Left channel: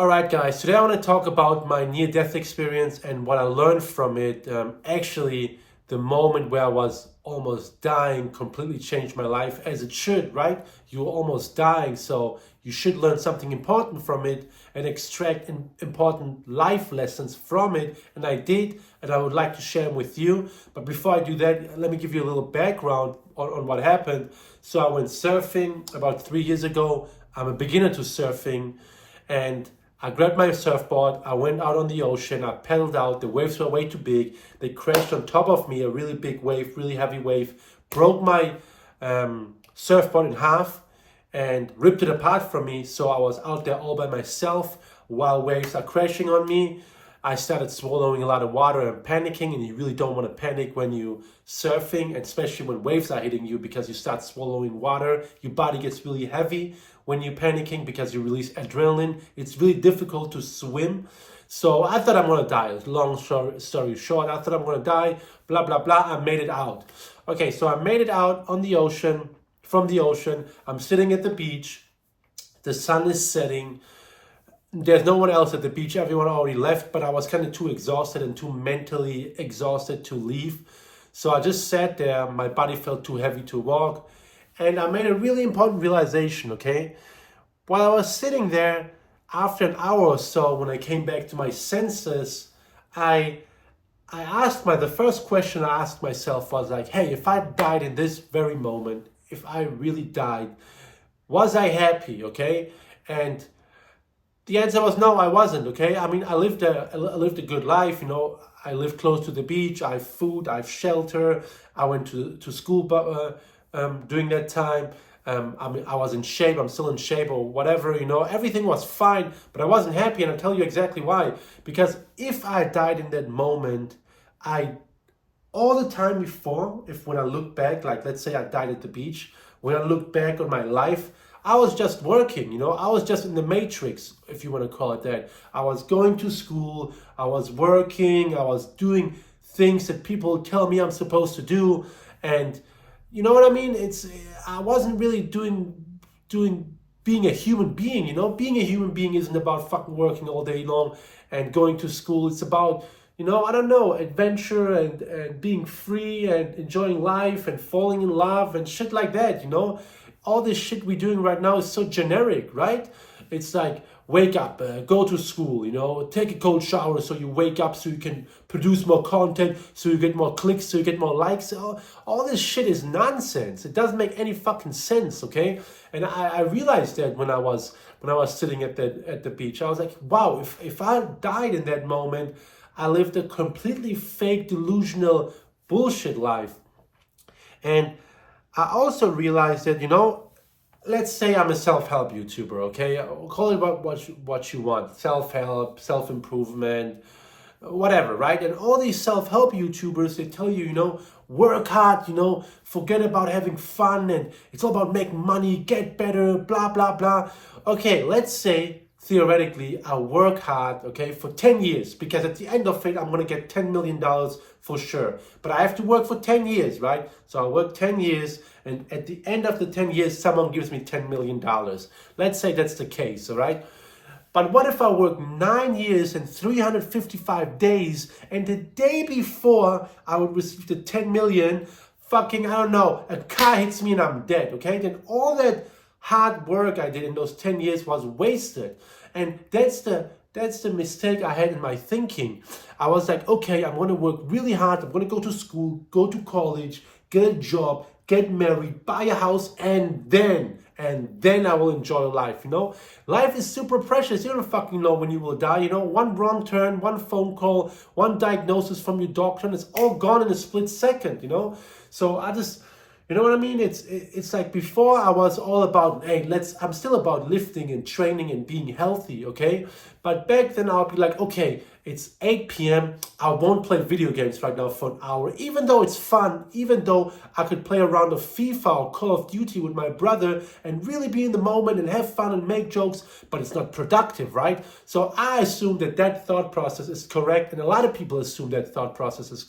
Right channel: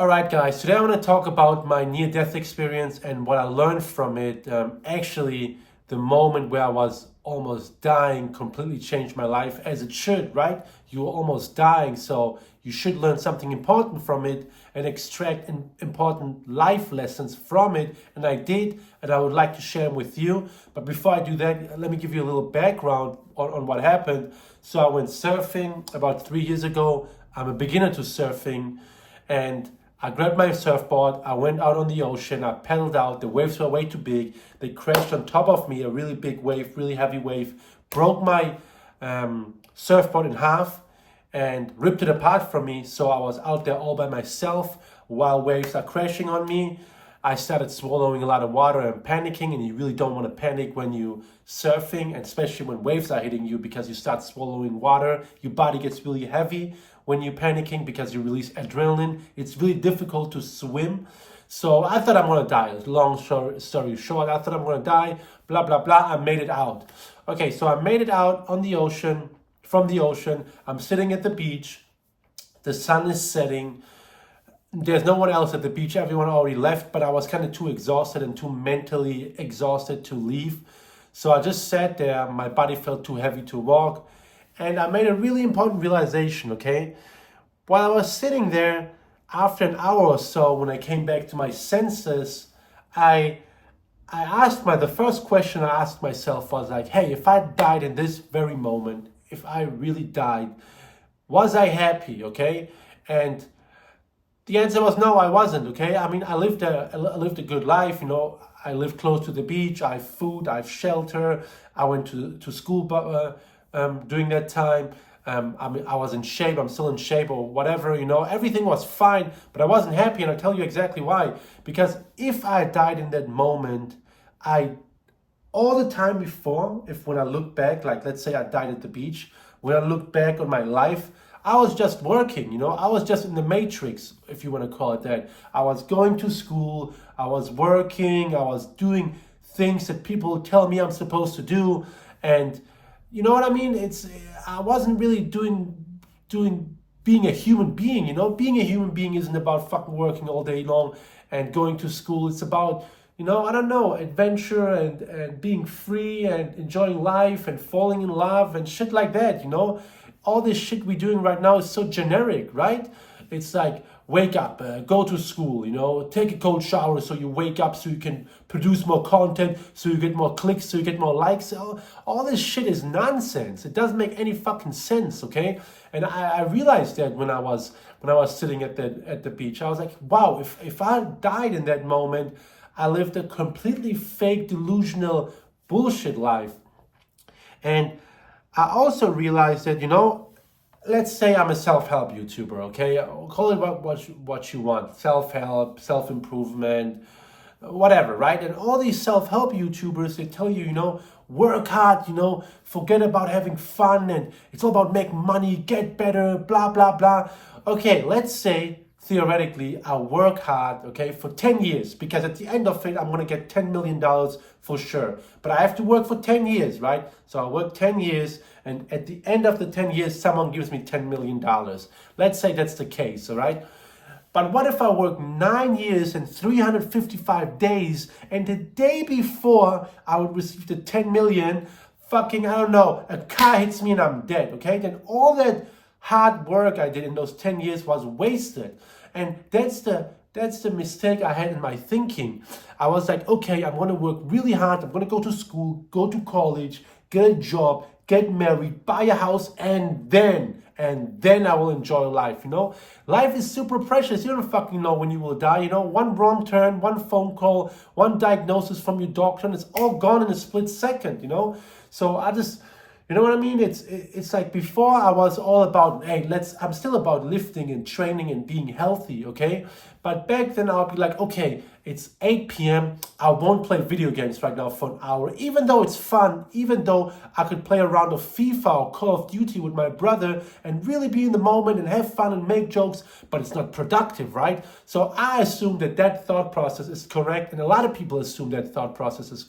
All right, guys, today I want to talk about my near-death experience and what I learned from it. Actually, the moment where I was almost dying completely changed my life, as it should, right? You were almost dying, so you should learn something important from it and extract important life lessons from it. And I did, and I would like to share them with you. But before I do that, let me give you a little background on what happened. So I went surfing about 3 years ago. I'm a beginner to surfing, and I grabbed my surfboard, I went out on the ocean, I paddled out, the waves were way too big. They crashed on top of me, a really big wave, really heavy wave, broke my surfboard in half and ripped it apart from me. So I was out there all by myself while waves are crashing on me. I started swallowing a lot of water and panicking, and you really don't want to panic when you surfing, and especially when waves are hitting you, because you start swallowing water. Your body gets really heavy when you're panicking because you release adrenaline. It's really difficult to swim. So I thought I'm gonna die. Long story short, I thought I'm gonna die, blah, blah, blah. I made it out. Okay, so I made it out on the ocean, from the ocean. I'm sitting at the beach. The sun is setting. There's no one else at the beach. Everyone already left, but I was kind of too exhausted and too mentally exhausted to leave. So I just sat there. My body felt too heavy to walk. And I made a really important realization, okay? While I was sitting there, after an hour or so, when I came back to my senses, I the first question I asked myself was like, hey, if I died in this very moment, if I really died, was I happy, okay? And the answer was no, I wasn't, okay? I mean, I lived a good life, you know. I lived close to the beach, I have food, I have shelter, I went to school during that time. I mean, I was in shape, I'm still in shape or whatever, you know, everything was fine, but I wasn't happy, and I'll tell you exactly why. Because if I died in that moment, all the time before, when I look back, like let's say I died at the beach, when I look back on my life, I was just working, you know, I was just in the matrix, if you want to call it that. I was going to school, I was working, I was doing things that people tell me I'm supposed to do, and you know what I mean? I wasn't really doing being a human being, you know? Being a human being isn't about fucking working all day long and going to school. It's about, you know, I don't know, adventure and being free and enjoying life and falling in love and shit like that, you know? All this shit we're doing right now is so generic, right? It's like, wake up, go to school, you know, take a cold shower so you wake up so you can produce more content, so you get more clicks, so you get more likes. All this shit is nonsense. It doesn't make any fucking sense, okay? And I realized that when I was sitting at the beach. I was like, wow, if I died in that moment, I lived a completely fake, delusional bullshit life. And I also realized that, you know, let's say I'm a self-help YouTuber, okay? Call it what you want. Self-help, self-improvement, whatever, right? And all these self-help YouTubers, they tell you, you know, work hard, you know, forget about having fun, and it's all about make money, get better, blah, blah, blah. Okay, let's say theoretically I work hard, okay, for 10 years, because at the end of it, I'm going to get $10 million for sure. But I have to work for 10 years, right? So I work 10 years, and at the end of the 10 years, someone gives me $10 million. Let's say that's the case, all right? But what if I work 9 years and 355 days, and the day before I would receive the 10 million, fucking, I don't know, a car hits me and I'm dead, okay? Then all that hard work I did in those 10 years was wasted. And that's the mistake I had in my thinking. I was like, okay, I'm going to work really hard. I'm going to go to school, go to college, get a job, get married, buy a house, and then I will enjoy life, you know? Life is super precious. You don't fucking know when you will die, you know? One wrong turn, one phone call, one diagnosis from your doctor, and it's all gone in a split second, you know? So you know what I mean? It's like before I was all about, hey, I'm still about lifting and training and being healthy, okay? But back then I'll be like, okay, it's 8 p.m. I won't play video games right now for an hour, even though it's fun, even though I could play a round of FIFA or Call of Duty with my brother and really be in the moment and have fun and make jokes, but it's not productive, right? So I assume that thought process is correct, and a lot of people assume that thought process is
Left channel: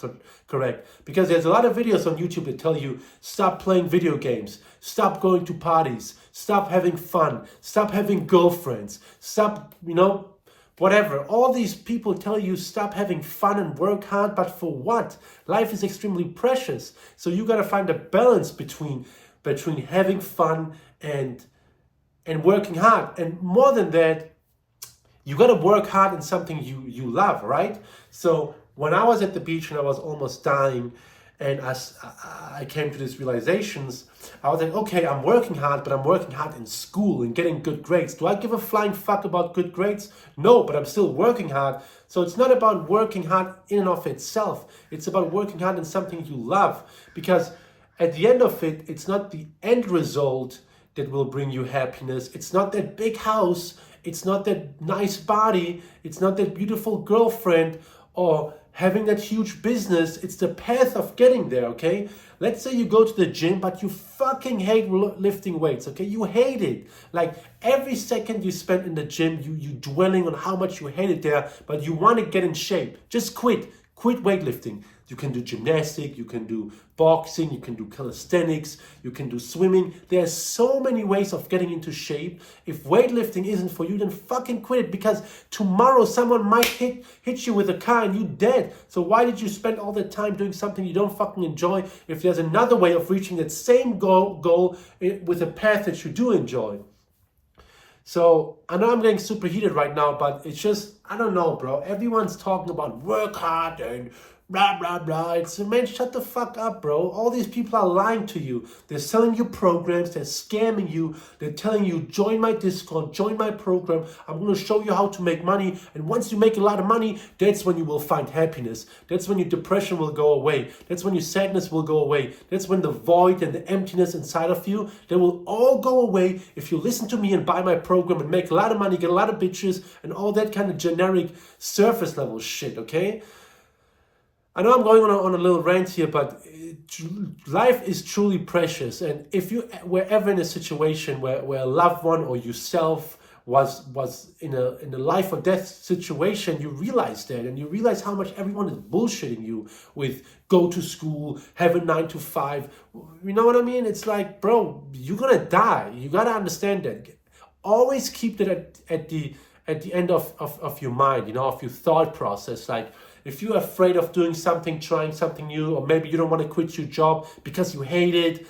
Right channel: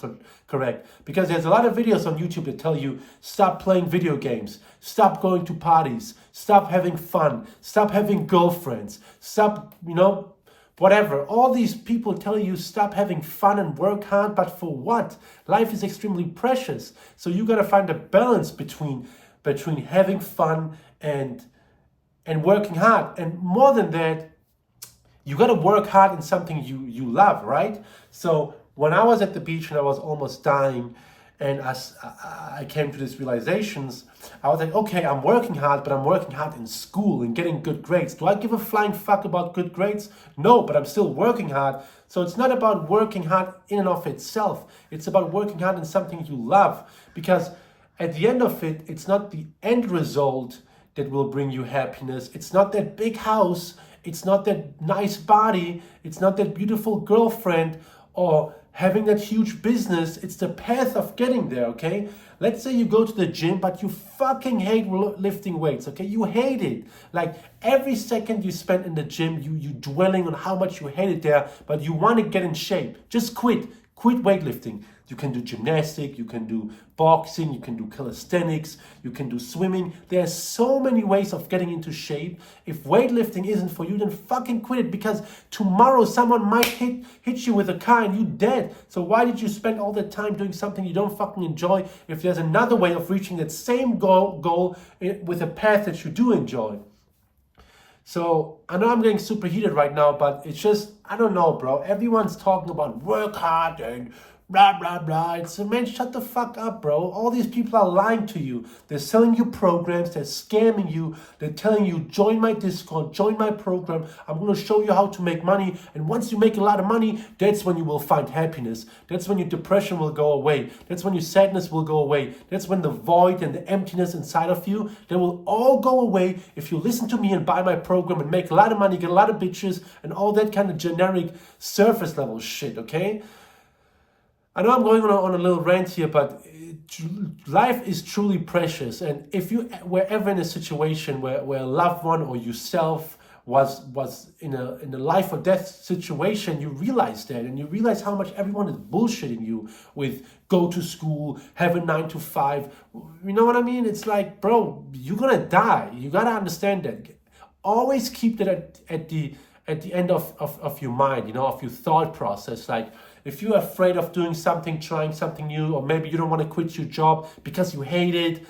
correct, because there's a lot of videos on YouTube that tell you, stop playing video games, stop going to parties, stop having fun, stop having girlfriends, stop, you know, whatever. All these people tell you stop having fun and work hard, but for what? Life is extremely precious. So you gotta find a balance between having fun and working hard. And more than that, you gotta work hard in something you love, right? So when I was at the beach and I was almost dying, and as I came to these realizations, I was like, okay, I'm working hard, but I'm working hard in school and getting good grades. Do I give a flying fuck about good grades? No, but I'm still working hard. So it's not about working hard in and of itself. It's about working hard in something you love. Because at the end of it, it's not the end result that will bring you happiness. It's not that big house. It's not that nice body. It's not that beautiful girlfriend or having that huge business. It's the path of getting there, okay? Let's say you go to the gym, but you fucking hate lifting weights, okay? You hate it. Like every second you spend in the gym, you dwelling on how much you hate it there, but you want to get in shape. Just quit. Quit weightlifting. You can do gymnastics, you can do boxing, you can do calisthenics, you can do swimming. There's so many ways of getting into shape. If weightlifting isn't for you, then fucking quit it, because tomorrow someone might hit you with a car and you dead. So why did you spend all that time doing something you don't fucking enjoy if there's another way of reaching that same goal with a path that you do enjoy? So I know I'm getting super heated right now, but it's just, I don't know, bro. Everyone's talking about work hard and blah, blah, blah. It's, man, shut the fuck up, bro. All these people are lying to you. They're selling you programs. They're scamming you. They're telling you, join my Discord, join my program. I'm going to show you how to make money. And once you make a lot of money, that's when you will find happiness. That's when your depression will go away. That's when your sadness will go away. That's when the void and the emptiness inside of you, they will all go away if you listen to me and buy my program and make a lot of money, get a lot of bitches, and all that kind of generic surface level shit, okay? I know I'm going on a little rant here, but life is truly precious. And if you were ever in a situation where a loved one or yourself was in a life or death situation, you realize that, and you realize how much everyone is bullshitting you with go to school, have a 9 to 5. You know what I mean? It's like, bro, you're gonna die. You gotta understand that. Always keep that at the end of your mind, you know, of your thought process. Like, if you're afraid of doing something, trying something new, or maybe you don't want to quit your job because you hate it,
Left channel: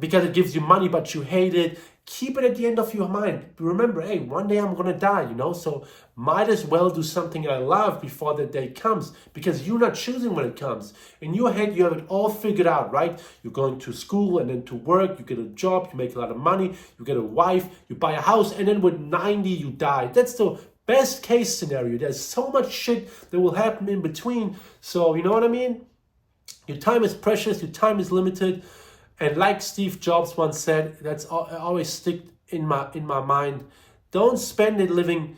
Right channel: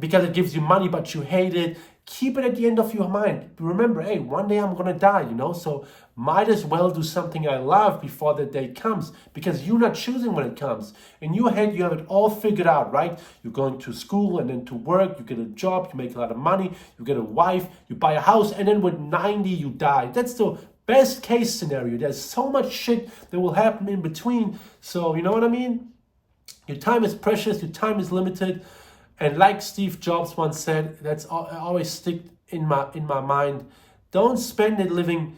because it gives you money, but you hate it, keep it at the end of your mind. Remember, hey, one day I'm going to die, you know, so might as well do something I love before that day comes, because you're not choosing when it comes. In your head, you have it all figured out, right? You're going to school and then to work, you get a job, you make a lot of money, you get a wife, you buy a house, and then with 90, you die. That's the best case scenario. There's so much shit that will happen in between. So, you know what I mean? Your time is precious, your time is limited. And like Steve Jobs once said, that's always stick in my mind. Don't spend it living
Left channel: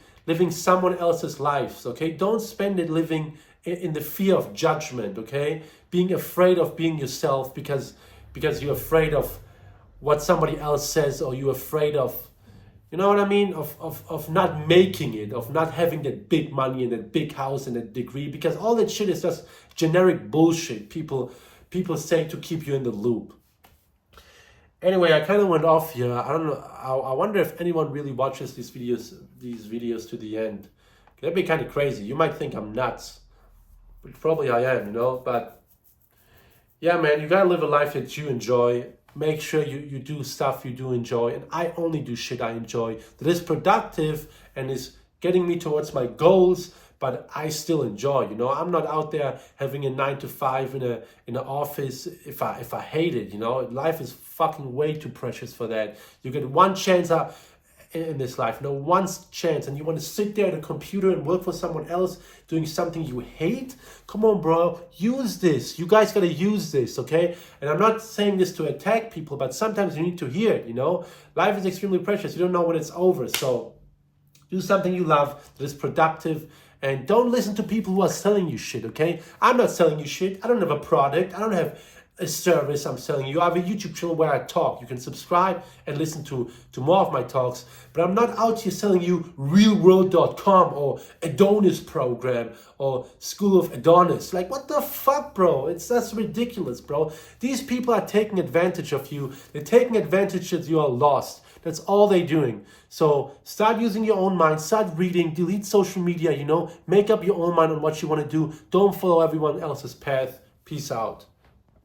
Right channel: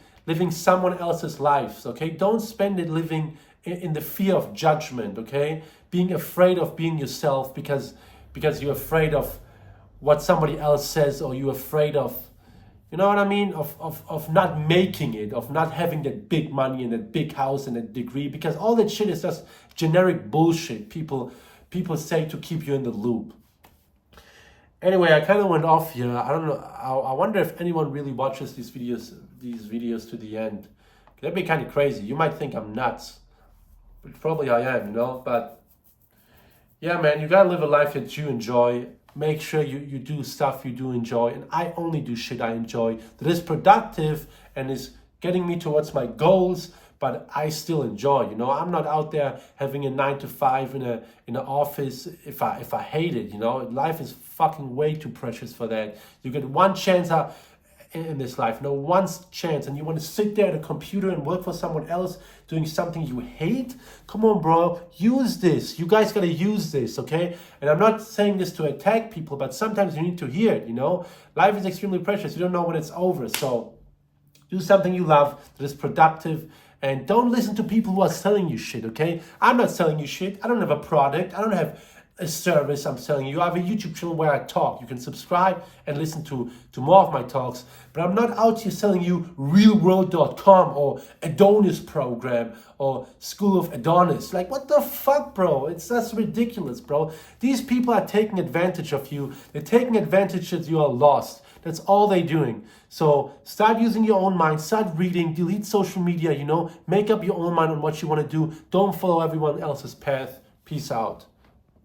someone else's lives, okay? Don't spend it living in the fear of judgment, okay? Being afraid of being yourself because you're afraid of what somebody else says, or you're afraid of, you know what I mean? Of not making it, of not having that big money and that big house and that degree, because all that shit is just generic bullshit people say to keep you in the loop. Anyway, I kind of went off here. I don't know. I wonder if anyone really watches these videos to the end. That'd be kind of crazy. You might think I'm nuts, but probably I am, you know. But yeah, man, you gotta live a life that you enjoy. Make sure you do stuff you do enjoy. And I only do shit I enjoy that is productive and is getting me towards my goals, but I still enjoy, you know. I'm not out there having a 9 to 5 in an office if I hate it, you know. Life is fucking way too precious for that. You get one chance in this life, you know, one chance, and you want to sit there at a computer and work for someone else doing something you hate? Come on, bro, use this. You guys gotta use this, okay? And I'm not saying this to attack people, but sometimes you need to hear it, you know. Life is extremely precious. You don't know when it's over, so do something you love that is productive. And don't listen to people who are selling you shit, okay? I'm not selling you shit. I don't have a product. I don't have a service I'm selling you. I have a YouTube channel where I talk. You can subscribe and listen to more of my talks. But I'm not out here selling you realworld.com or Adonis program or School of Adonis. Like, what the fuck, bro? That's ridiculous, bro. These people are taking advantage of you. They're taking advantage that you are lost. That's all they're doing. So start using your own mind, start reading, delete social media, make up your own mind on what you want to do. Don't follow everyone else's path. Peace out.